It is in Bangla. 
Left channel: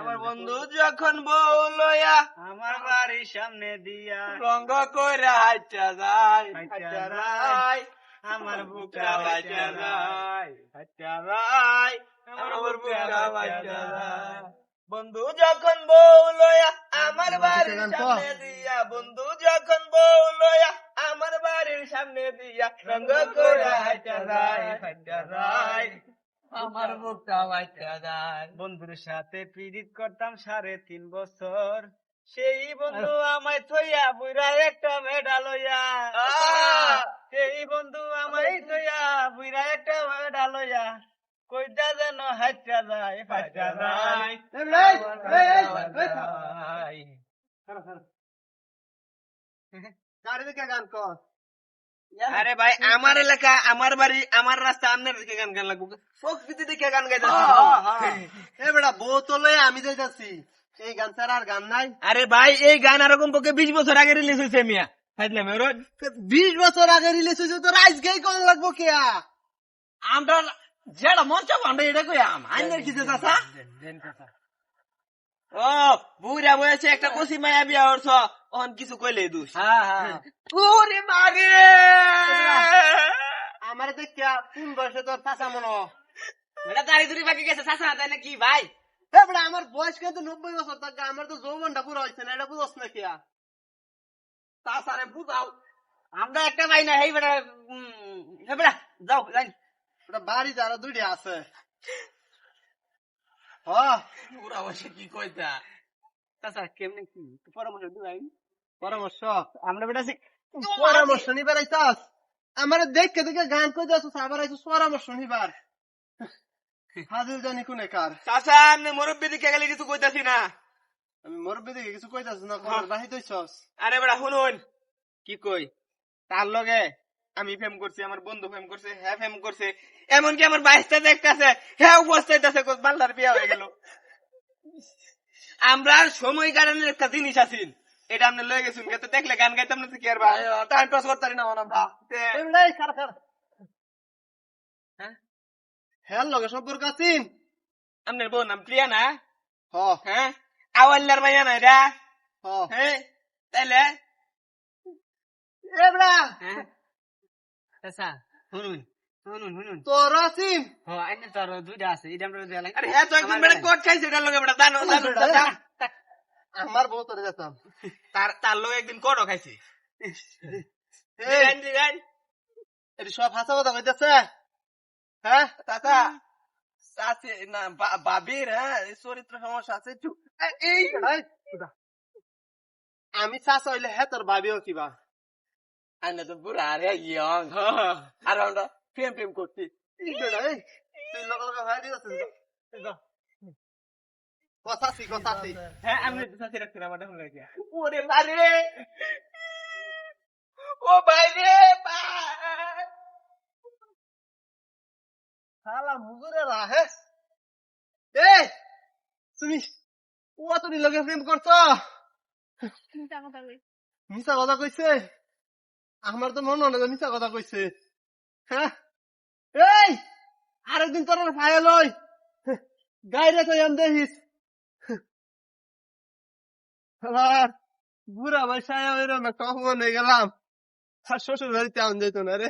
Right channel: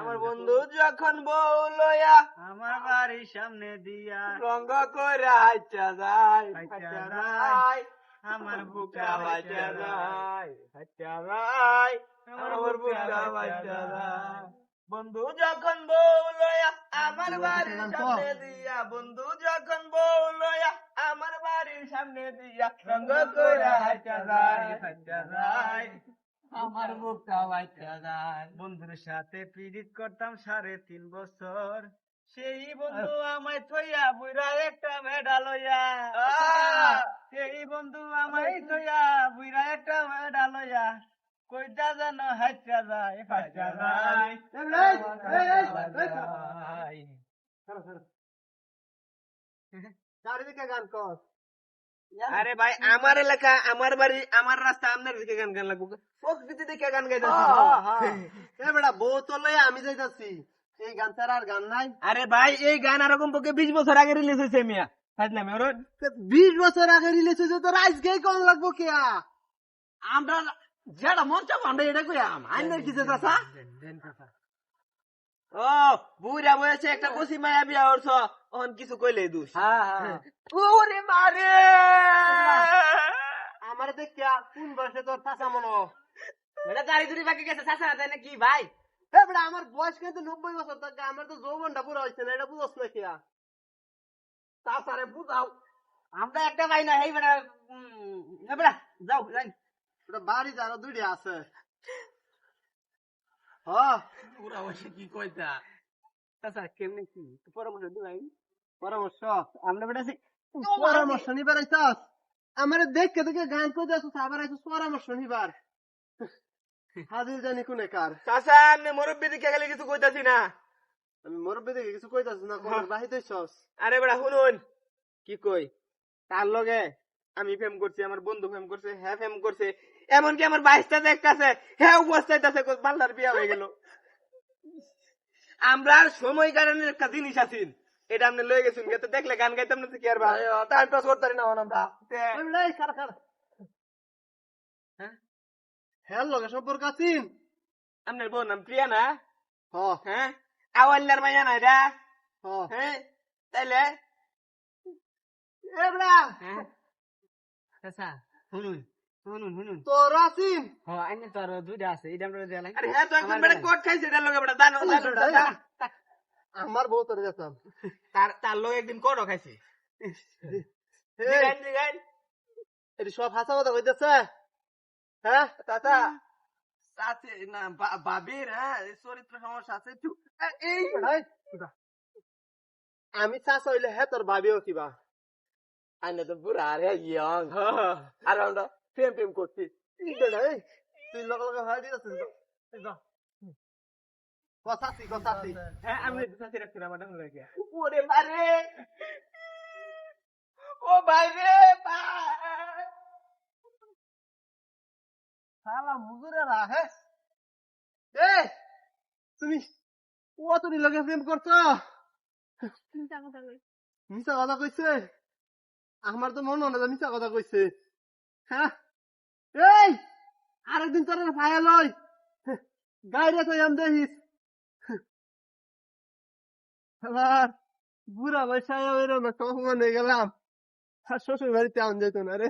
আমার বন্ধু যখন বউ লয়া আমার বাড়ির সামনে দিয়া। রঙ্গ কইরা হাইটা যায় হাইটা হাইটা যায়। আমার যায়। যায় আমার যায়। বন্ধু যখন বউ লয়া আমার বাড়ির সামনে দিয়া বন্ধু যখন বউ লয়া আমার বাড়ির সামনে দিয়া রঙ্গ কইরা যায় হাইটা যায়। আমার বুকটা বাইচা যায় বন্ধুর সাথে পিরিত করতাম সাড়ে তিন বছর। সেই বন্ধু আমায় থইয়া বুইরা একটা মেডা লইয়া। সেই বন্ধু আমায় থইয়া বুইরা একটা মেডা লইয়া। কইটা যেন হাইটা যায় হাইটা যায় গাড়ি দিকে গান কর। আরে ভাই আমার এলাকা আমার বাড়ি আমার রাস্তা আপনার দিকে গান গান লাগবো। প্রকৃতি দিকে গান গাইতে এ বেটা বউ তো লইয়া আমি যাইতাছি। এই গান ছাড়া আর গান নাই। আরে ভাই এই গান আর কমপক্ষে বিশ বছর আগে রিলিজ হয়েছে মিয়া। বিশ বছর আগে রিলিজ হয়েছে তোর আজকেই কম লাগবো কেয়া? আমরা যেটা মন চাপ আমরা এটা কই আম? আইনের কি চাচা? ও বুড়া বয়সে একটা কষি মায়া বিয়া করছ অন কিছু কইলে দুষ। হ্যাঁ হ্যাঁ। ওরে মারে আমার দেখ কোন বয়সে তোর চাচা মনো এটা দাড়ি দুড়ি বাকি গেছে চাচা তাই না কি ভাই? আমার বয়স কিন্তু নব্বই বছর থাকে আমার তো যৌবনটা পুরো হয়েছে না এটা বুঝস না কেয়া চাচারে বুঝাও। আমরা একটা ভাই না এই বেটা উম, বেটা যাও যাই। ওটা বাড়ি যারা দুইটা আছে। হ। কি কইতা? চাচা কেমনে কি? পরামর্শ দিবাই। পরামর্শ। আমরা বেটা পরামর্শ নিবার আইতাস? আমার দেখে দেখে গান কই যাচ্ছ আবার আইছিস পরামর্শ নিবার। হাজির জানি কোনে কার। চাচা আপনি মুরব্বী দিকে গেলে কিছু কইতাছি না। আমি মুরব্বী দেখে কিছু কইতাছ না কোন বাহি দইছস আরে শুনুন। কি কই? তার লগে আমি ফেম করছি আমার বন্ধু ফেম করছে হ্যাঁ ফেম করছে। এমনকি আমার বাইশটা দেখতেছে হ্যাঁ উপস্থাইতেছে বাল্লার বিয়া হয়ে গেল। আমরা সময় কারণের একটা জিনিস আছেন এটা আপনি লয়ে গেছেন যাতে দেখলে গান গাইতাম না কি আর ভাই? টাইম পাস করতে পারি না আমরা এই খারা খারা হ্যাঁ? হ্যাঁ লগে সম্পর্ক আছিন? আপনার বোন নাম প্রিয়া না হ। হ্যাঁ? আওয়াল্লার মাইয়া না এটা? হ। হ্যাঁ? তাইলে? এ হ্যাঁ? আচ্ছা শুনুন শুনুন শুনুন। তোর আছিন? হ্যাঁ আইনে আরও দুইটা আছে এটা আমরা দেয়া লাগে আরে হ্যাঁ তো একদম বেটা কোট খাইছে এটার লগে জানো। আমার বউ তোরে যেতাম তার তার লগে একদিন কোটও খাইছে। দিগান দিগান সব হাসা কথা কইতেছে। হ্যাঁ চাচা। চাচি না বাবির হ্যাঁ এই চরিত্র সমস্যা আছে একটু। এই আমি চাষ হইলে হ্যাঁ তোর ভাবিও কিবা। আইনে তো বুড়া আরে ইয়ং আর আমরা প্রেম প্রেম করছি। তুই লগে লগে ভাই দিতেছিস তো। এই যা। কথাছি কথাছি হ্যাঁ আমি চাচি রাখছি না আমার লাগে ওরে বারে! ও ভাই রে ভাই শালা মুজুরে রাহে এ তুমি ও তুমি লগে প্রেম করছ? মিছা কথা কইছে? আমার তো মনে হয় না মিছা কথা কইছে। হ্যাঁ? এই আরেকদিন তোর ভাইয়া লই। গাইরে কই আম দেখিস? আবার বুড়া বয়সায় এরম একটা অপমান হয়ে গেলাম, আর শ্বশুর বাড়িতে আন যেত না রে।